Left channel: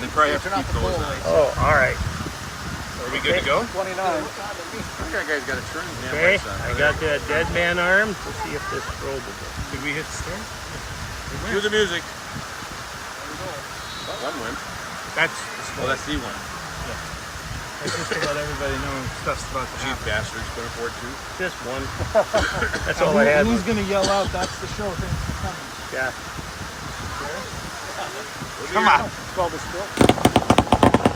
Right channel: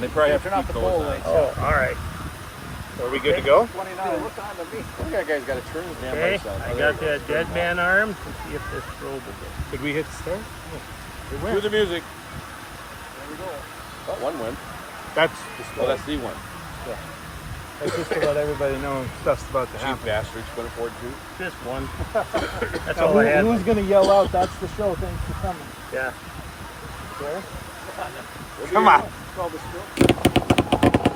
They probably have to keep those on. Oh, all right. Are we good to go? 29. I think that guy's got to turn his damn Okay, lights on. I got the dead man arm. Let's see if this probe will go. Did we hit start? Yeah. Cue the music. Oh, one went. That's the Oh, that's the one. Yeah. That's just to let everybody know stuff's about to Cheap happen. bastards couldn't afford two. Just one. That's Now, all I had. who's going to yell out, that's the show, thanks for coming? Yeah. Okay? We'll be Come here. on. Oh, that's perfect.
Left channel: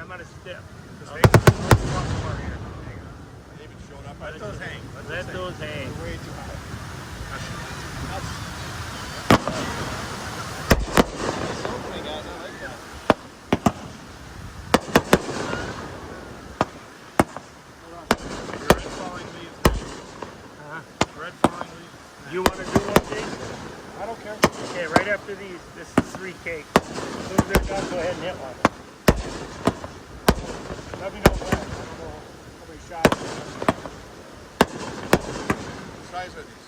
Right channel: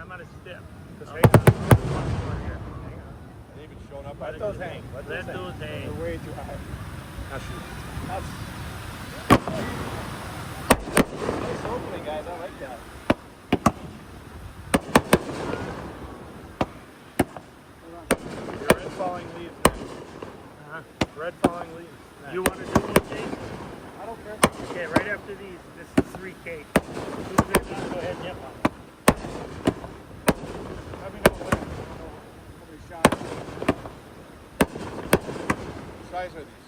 I'm on a step. They even showing up. Let those hang. Let those hang. Way too high. That's opening, guys. I like that. Red falling leaves. Huh? Red falling leaves. You want to do one, Jason? I don't care. Okay, right after these, this is 3 cake. As soon as they're done, go ahead and hit one. Let me know when. Somebody shot. What size are these?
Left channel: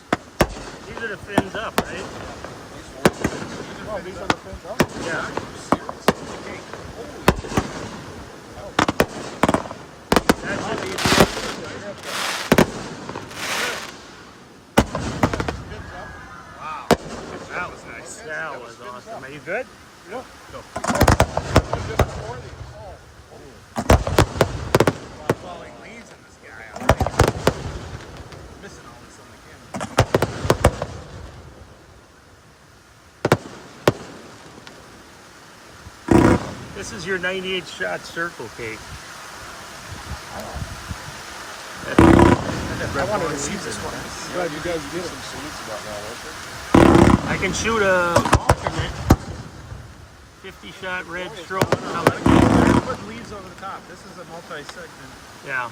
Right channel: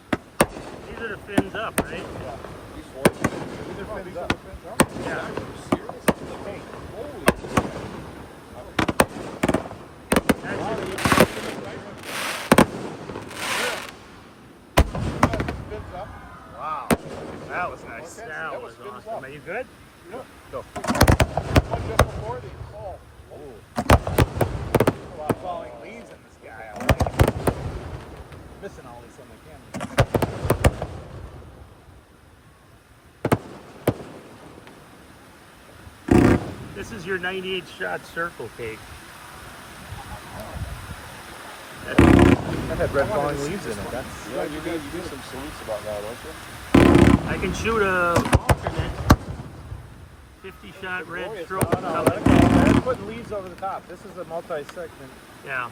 These are the fins up, right? These four? These are fins up. Yeah. Are you serious? Holy. Fins up. Wow. That was nice. That was fins awesome. up. Are you good? Yep. Go. One just before these. A lot of falling leaves in this guy. I'm missing all this on the camera. This is your 98 shot circle cake. That had red falling leaves in it. That's You know, you need some salutes about now, don't you? I can shoot a alternate 50 shot red stroke. no, they're putting leaves over the top. This is a multi-section. Yeah.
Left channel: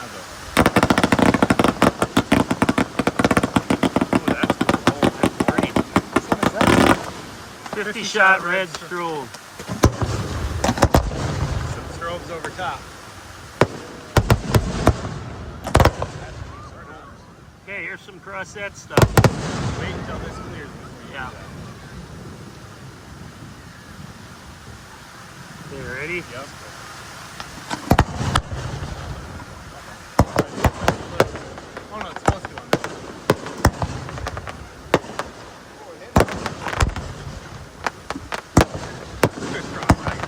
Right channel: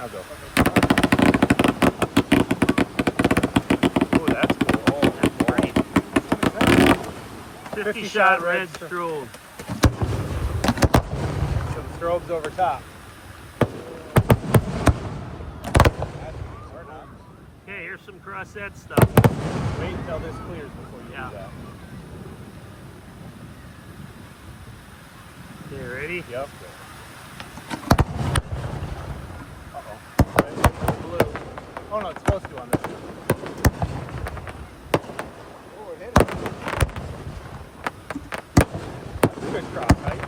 I'll go. Oh, that's cool. Oh, 50 shot red strobe. Some strobes over top. Okay, here's some crossette stuff. Wait until this clears before you Yeah. do that. Okay, ready? Yep. Oh no, it's supposed to on this one. Good cross, right?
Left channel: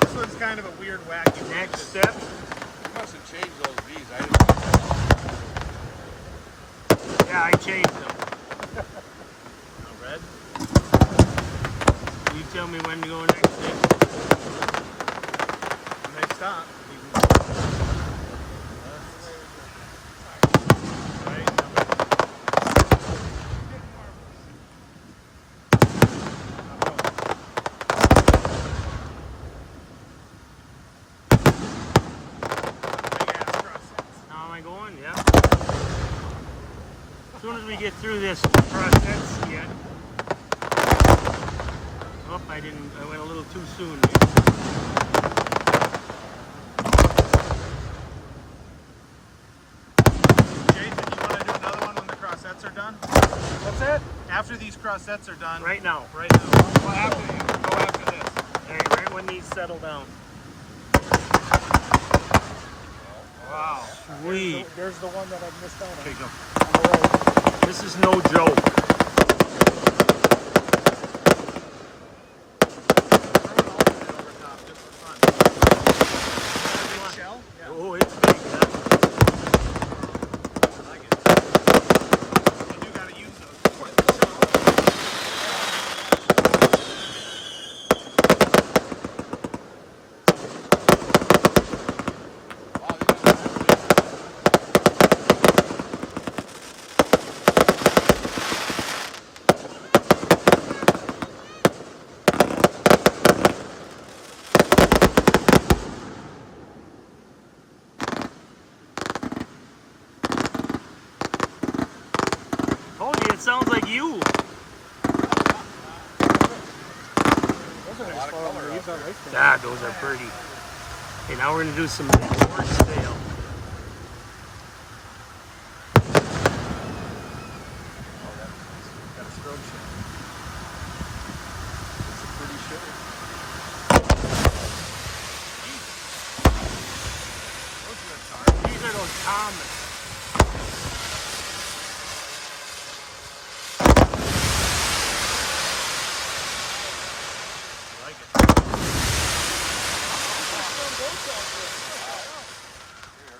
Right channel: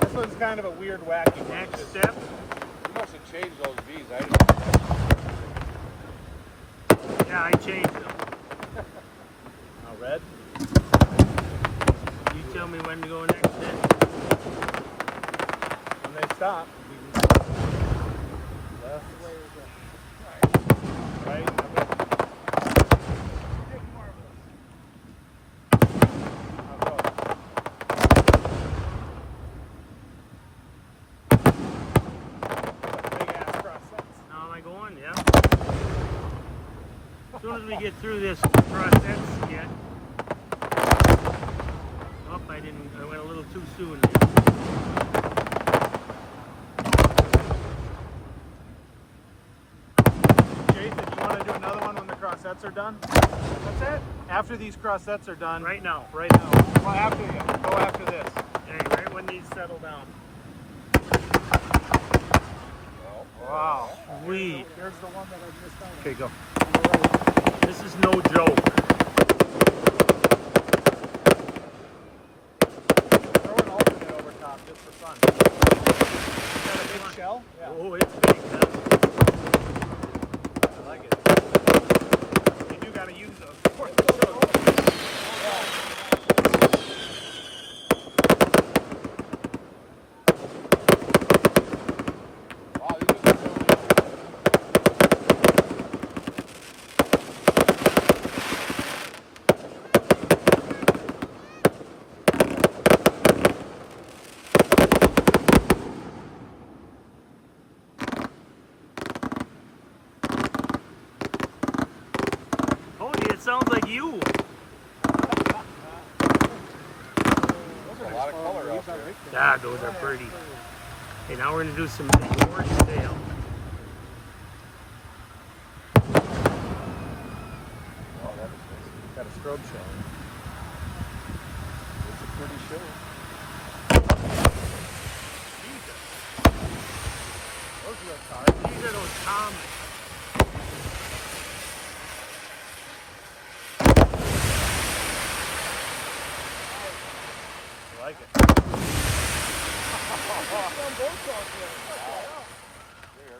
This one's kind of a weird wacky one. Next step. You must have changed those V's. I didn't. Yeah, I changed them. Now red. You tell me when to go next then. When they stop. Left. Right. How am I going? Yeah. As soon as we get through this process yet. Oh, I went a little too soon. Jason, you want to do another one when the crossettes are done? What's that? After these crossettes are done. Right now. Right now. Go after this. Right when these settle down. Wow. Sweet. There's the one that I missed out on. Okay, go. This is no joke. Throw an alternate over top just for fun. Big shell? Yeah. Oh, it's big. I like it. sounds like you. There's a lot of color out there. God, those are pretty. Okay, now we're gonna do some Winstead. Oh, that was nice. Got a strobe show. It's a pretty show. Those are the cars. These are those common. I like it. Very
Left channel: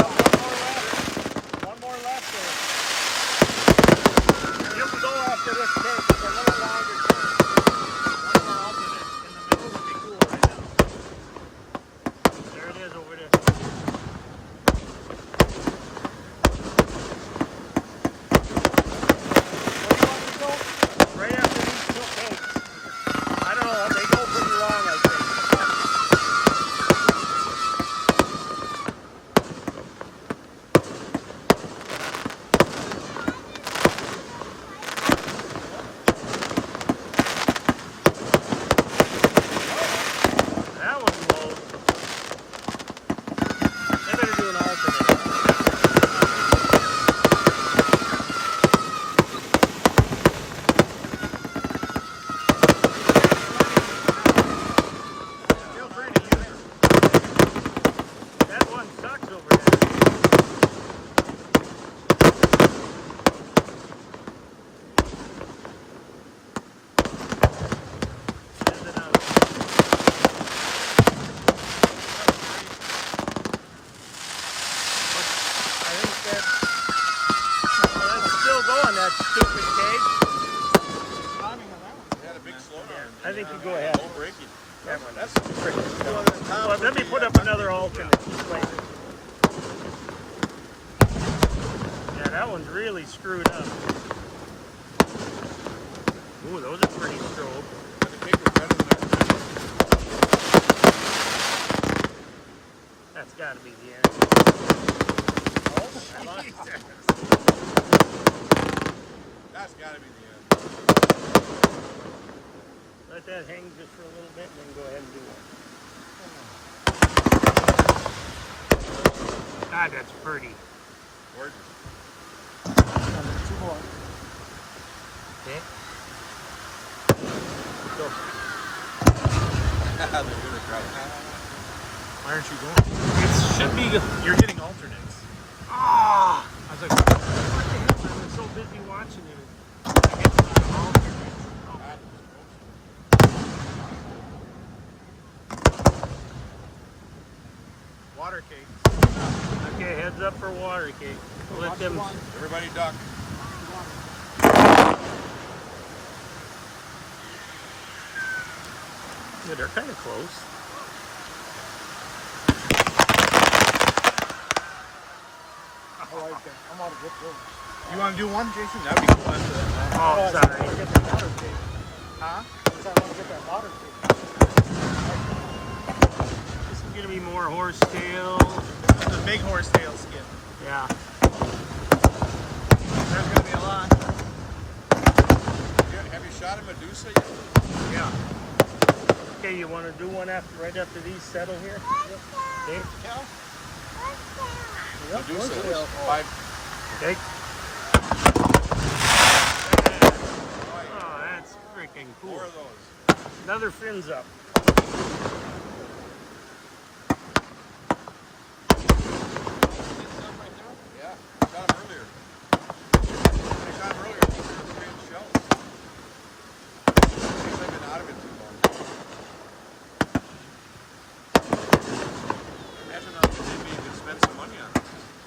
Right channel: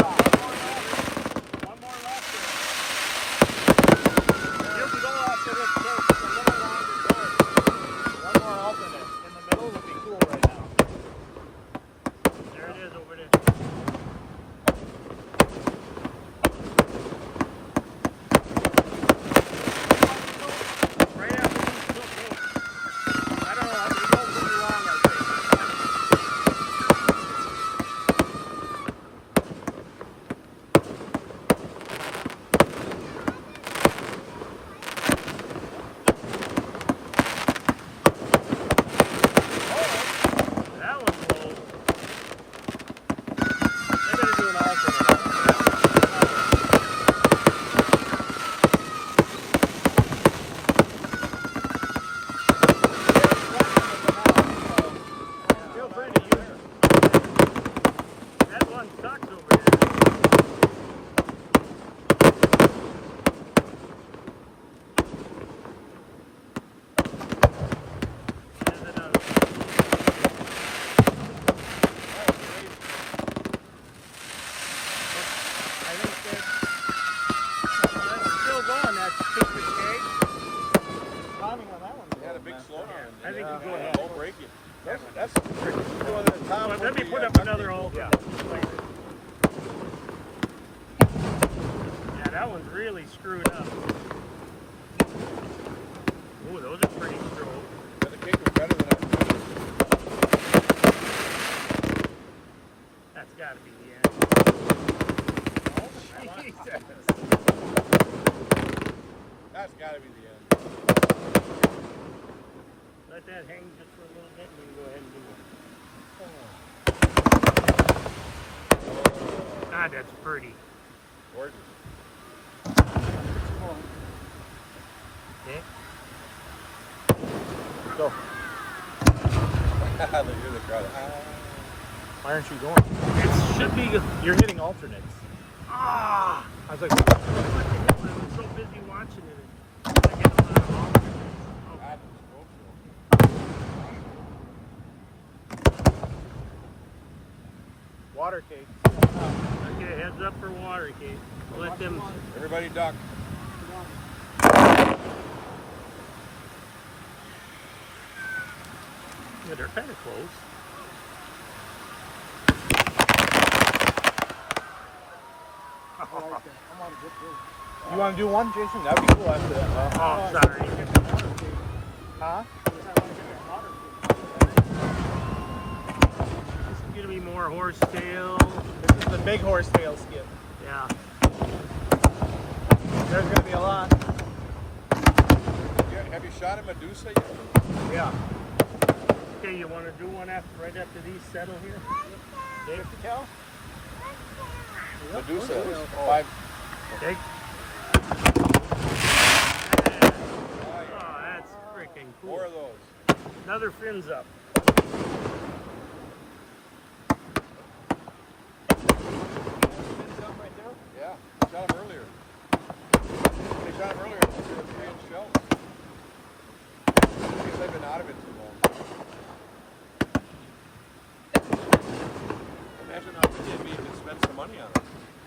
hard. One more left there. Here we go after this take. It's a little longer course. One more alternate. In the middle would be cool right now. There it is over there. Right after these two takes. I don't know, they go pretty long, I think. That one's low. They're gonna do an alternate. Feel free to use it. That one sucks over there. Here's another one. That was crazy. I think that's still going, that stupid cage. Timing on that one. It had a big slowdown. I think you go and ahead. low braking. That's doing the top. Well, let me put up another alternate. Yeah, that one's really screwed up. Ooh, those are pretty strobe. But the cake was better than I remember. That's got to be the end. I lost it. That's got to be the end. Let that hang just for a little bit and then go ahead and do one. God, that's pretty. Gorgeous. Okay. Go. They hear the crowd. Why aren't you going? It should be. You're hitting alternates. Ah! I was like, What the hell? I was so busy watching it. I hit a lot of alternates. Oh. God, the strobe show. water cake. Okay, heads up for water cake. We'll let them. Everybody duck. Yeah, they're kind of close. You want to do one, Jason? That'd be cool after that. Oh, sorry. Huh? This is gonna be more horsetail. This is the big horsetail skip. Yeah. There's gonna be a lot. Yeah, have you shot a Medusa yet? Yeah. Okay, you want to do one after, right after these settle here? Okay. Medusa. 5. Okay. Oh, yeah. Oh, that's freaking cool. 4 of those. Another fins up. Yeah, I shot them earlier. When I shot them earlier, I think they were 3-inch shells. I guess I've been out of it too long. Imagine how good they'd be if you could spend some money on them.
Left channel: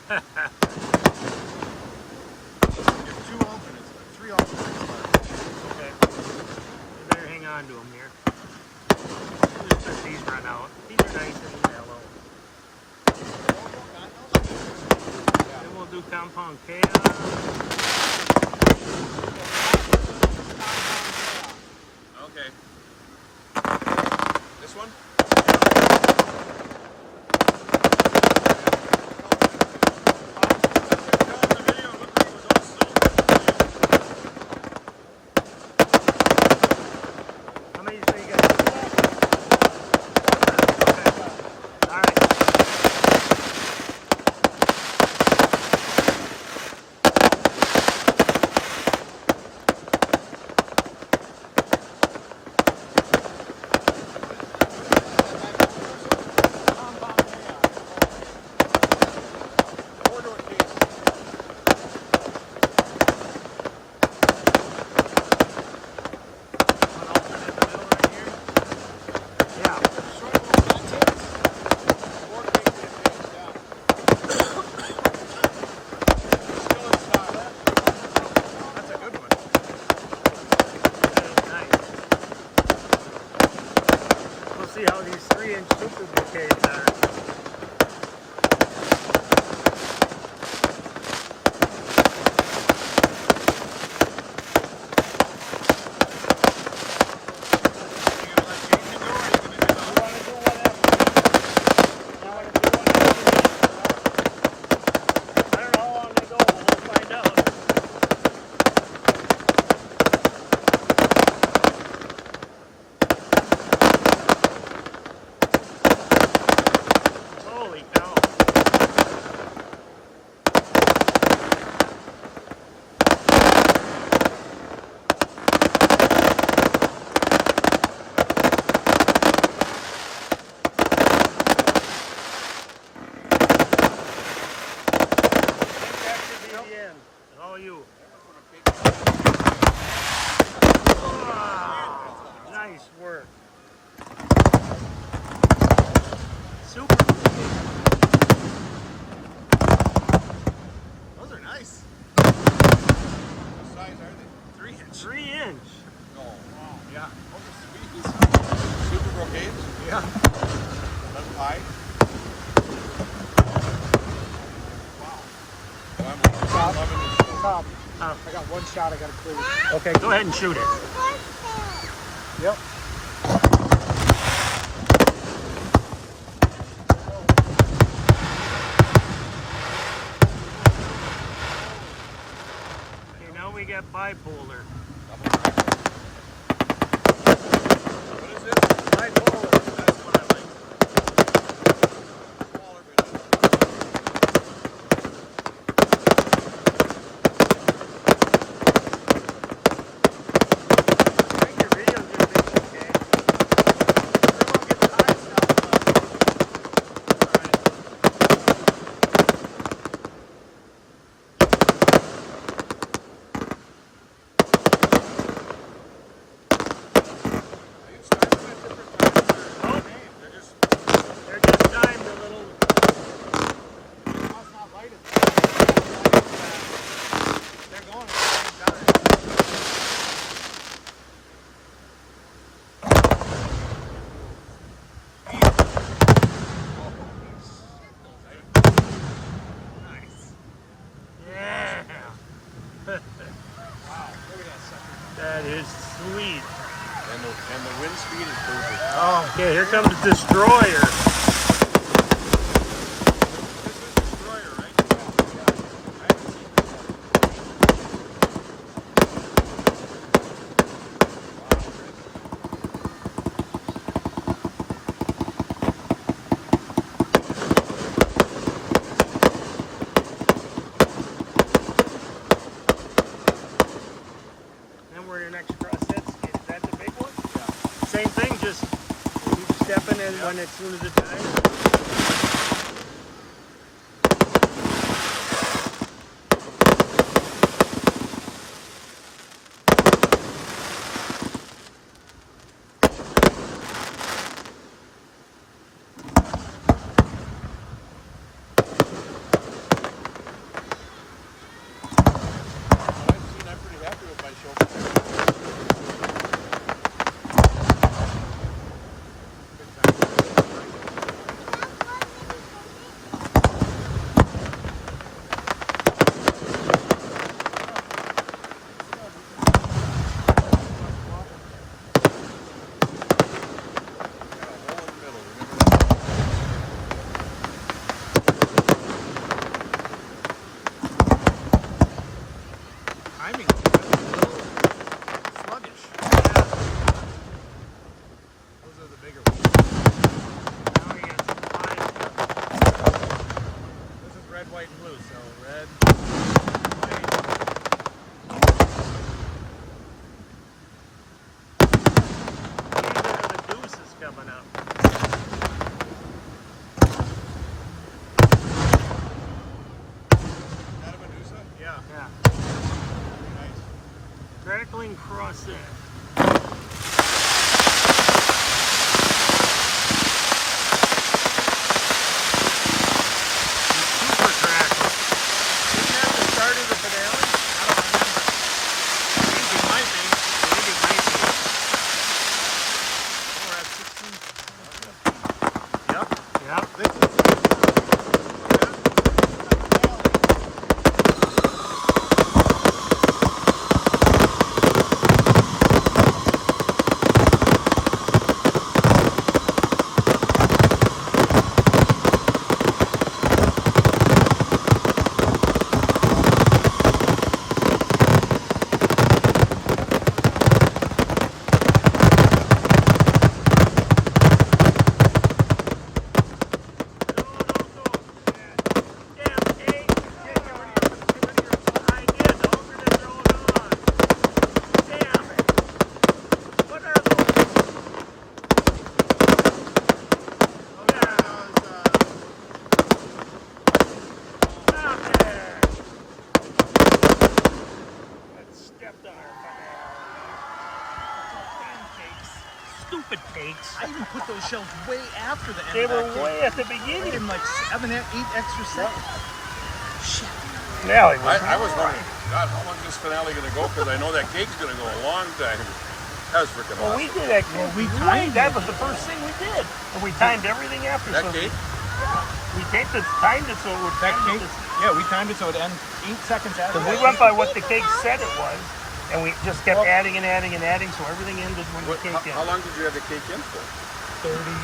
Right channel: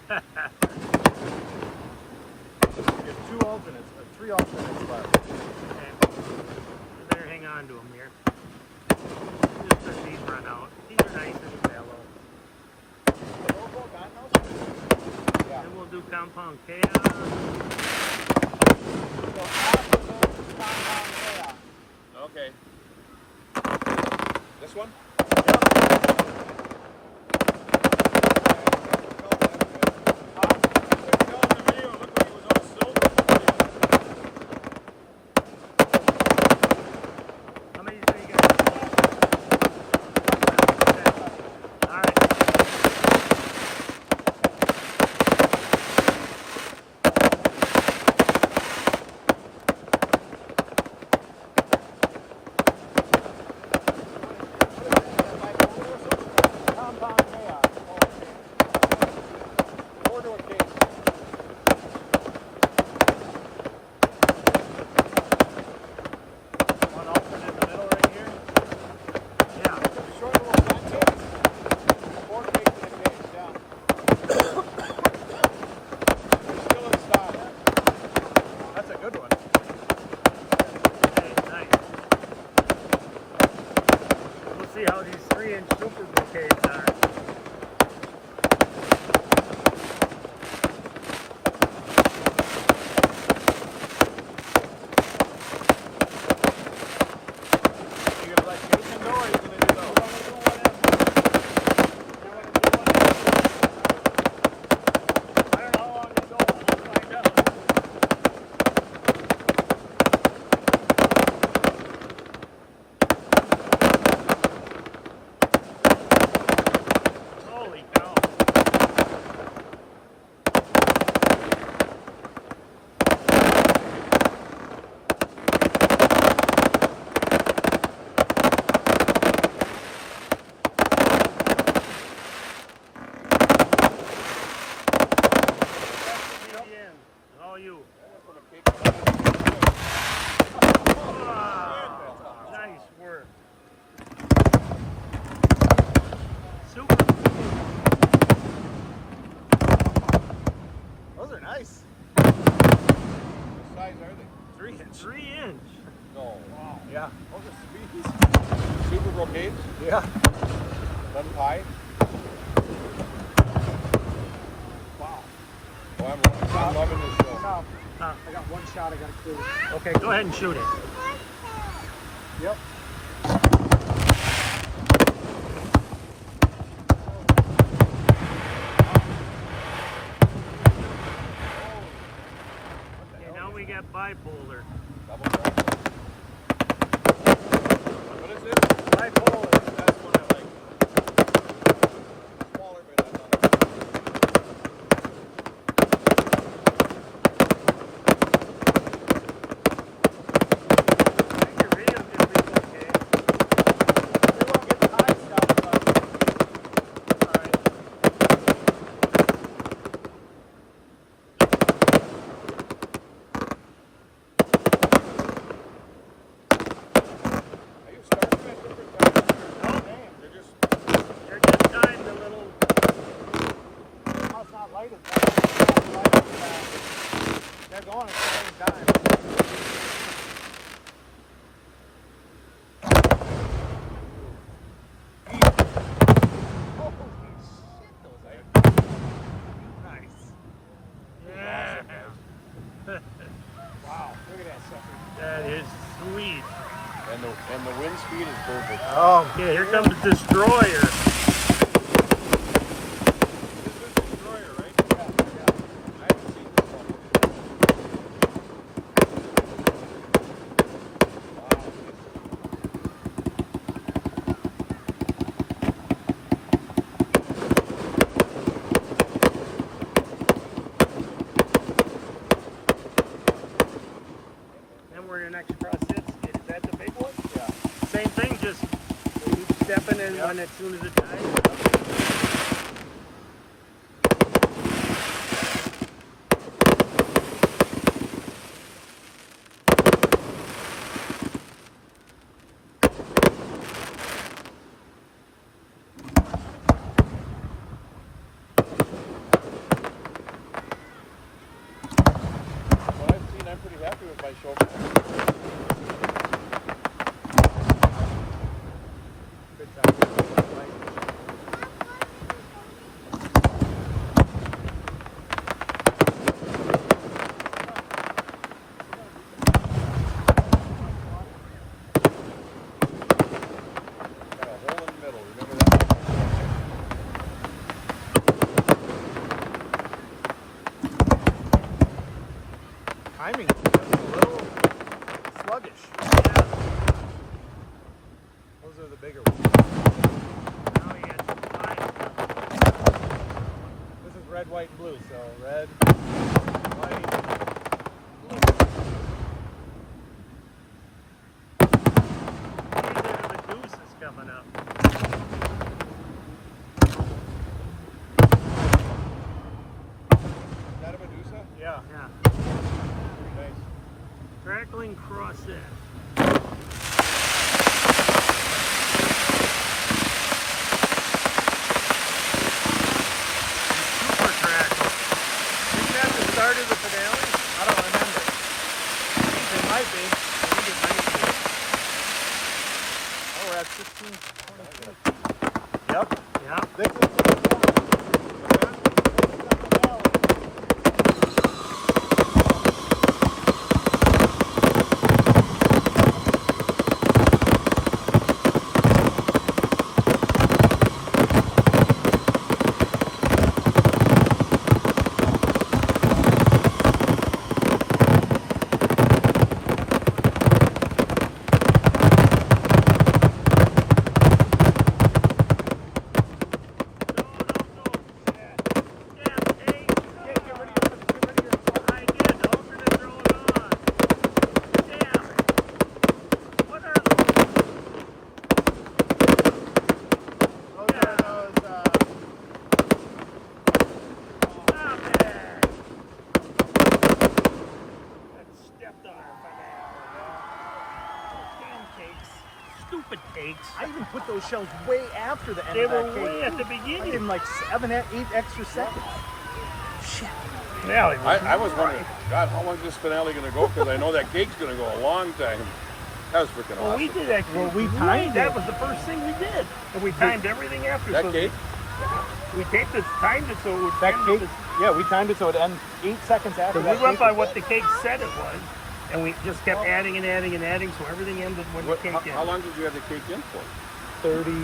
You have 2 alternates, 3 alternates left. Okay. You better hang on to them here. Just let these run out. These are nice and mellow. Yeah. Then we'll do compound chaos. Okay. This one? All you. That went from a cake to Wow. Nice work. Super. Those are nice. What size are they? 3 inch. 3 inch. No. Yeah. Super brocades? Yeah. None pie? Wow. Well, I'm loving this show. Top. Oh. I got one shot I gotta clear. Okay, go ahead and shoot it. Yep. Okay, now we got bipolar. Double cracker. What is this? Bipolar. That's what I like. Smaller, but I love I think your video's gonna be okay. We won't get the high stuff, but alright. Are you starting them at different times? Or Oh, they're just They're just timed a little. must not light it. They're going at the same time. Nice. Yeah. Wow, look at that sucker. That is sweet. and the wind speed is perfect. Okay, here comes the destroyer. This is Destroyer, right? I haven't seen this one. Then where your next cross sits, is that the big one? Yeah. Same thing, just keep stepping in when as soon as it dies. What I've seen, I'm pretty happy with my show. Good time. Got a hole in the middle. Remember that? Timing is a little sluggish. Those are the bigger ones. Now we got some fine. This is red, white, and blue. So red, white, These are the deuces coming up. Is that a Medusa? yeah. Yeah. Pretty nice. Crackling cross edge. Super crackle. Isn't that the start of the finale? I don't remember. I think it might be. I think it might be. Oh, we're at 16. Yep. Yep. This is the What's that? cakes. I even put those shells way after the end They of were that cake. way at the I beginning. did like 7, 8 extra seconds. Shit. Finale was I was wondering, God, how long is this finale going to go? Because I know that cake's going to go a long time. That was freaking Well, awesome. we did that. Well, we right, timed that it. was the first thing we did, and we timed everything after. That so cake? We taped it, timed it so it would. That end cake, at yeah, we timed it so it ended 8 seconds after We that went cake by was what the cake said it was, and we just kept adding and adding and adding, so everything ended when What, the cake how ended. long did you have the cake in for? 38.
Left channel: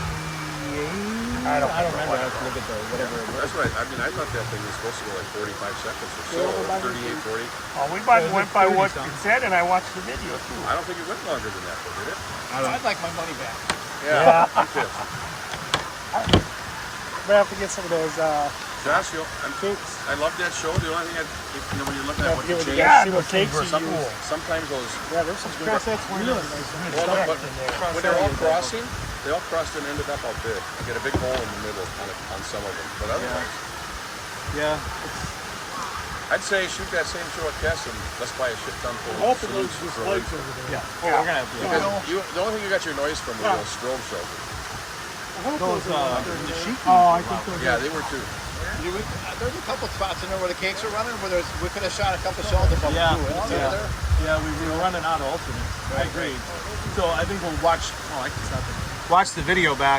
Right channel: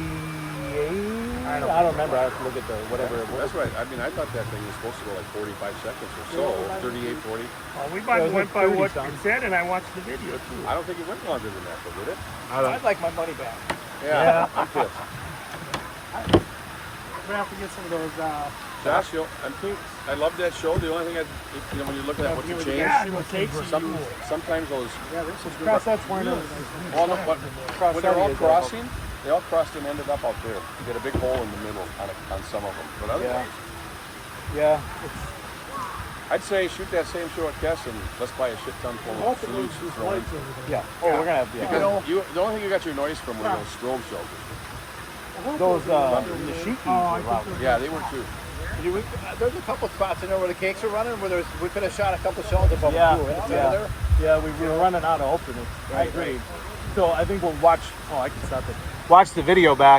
I don't remember. I have to look at the whatever it was. That's right. I mean, I thought that thing was supposed to go like 45 seconds or so, 38, 40. Well, we Yeah, it was went like by what 30 it said, and I watched the video too. I don't think it went longer than that, though, did it? I I'd like my money back. Yeah, I'm pissed. I'm gonna have to get some of those. Josh, I love that show. The only thing when you're looking at what to change, Yeah, the cakes are some, cool. sometimes those, Yeah, there's some Cross that's one of well, no, but when they're all Cross-eyed, crossing, they all crossed and ended up out there. You get a big hole in the middle on some of them, but otherwise, Yeah. I'd say shoot that same show at Kess and let's buy a shit ton full of salutes to throw in. Yeah. Oh, we're gonna have Because the only thing you got your noise from were those strobe shelters. those Thunder. the sheet. I think those- Yeah, they were too. There's a couple spots in there where the cakes are running where we could have shot a couple shells above Yeah, the pool. yeah. Yeah, we were running out of alternates. I agree. So I think we'll watch. Oh, I can stop it. Watch the video back.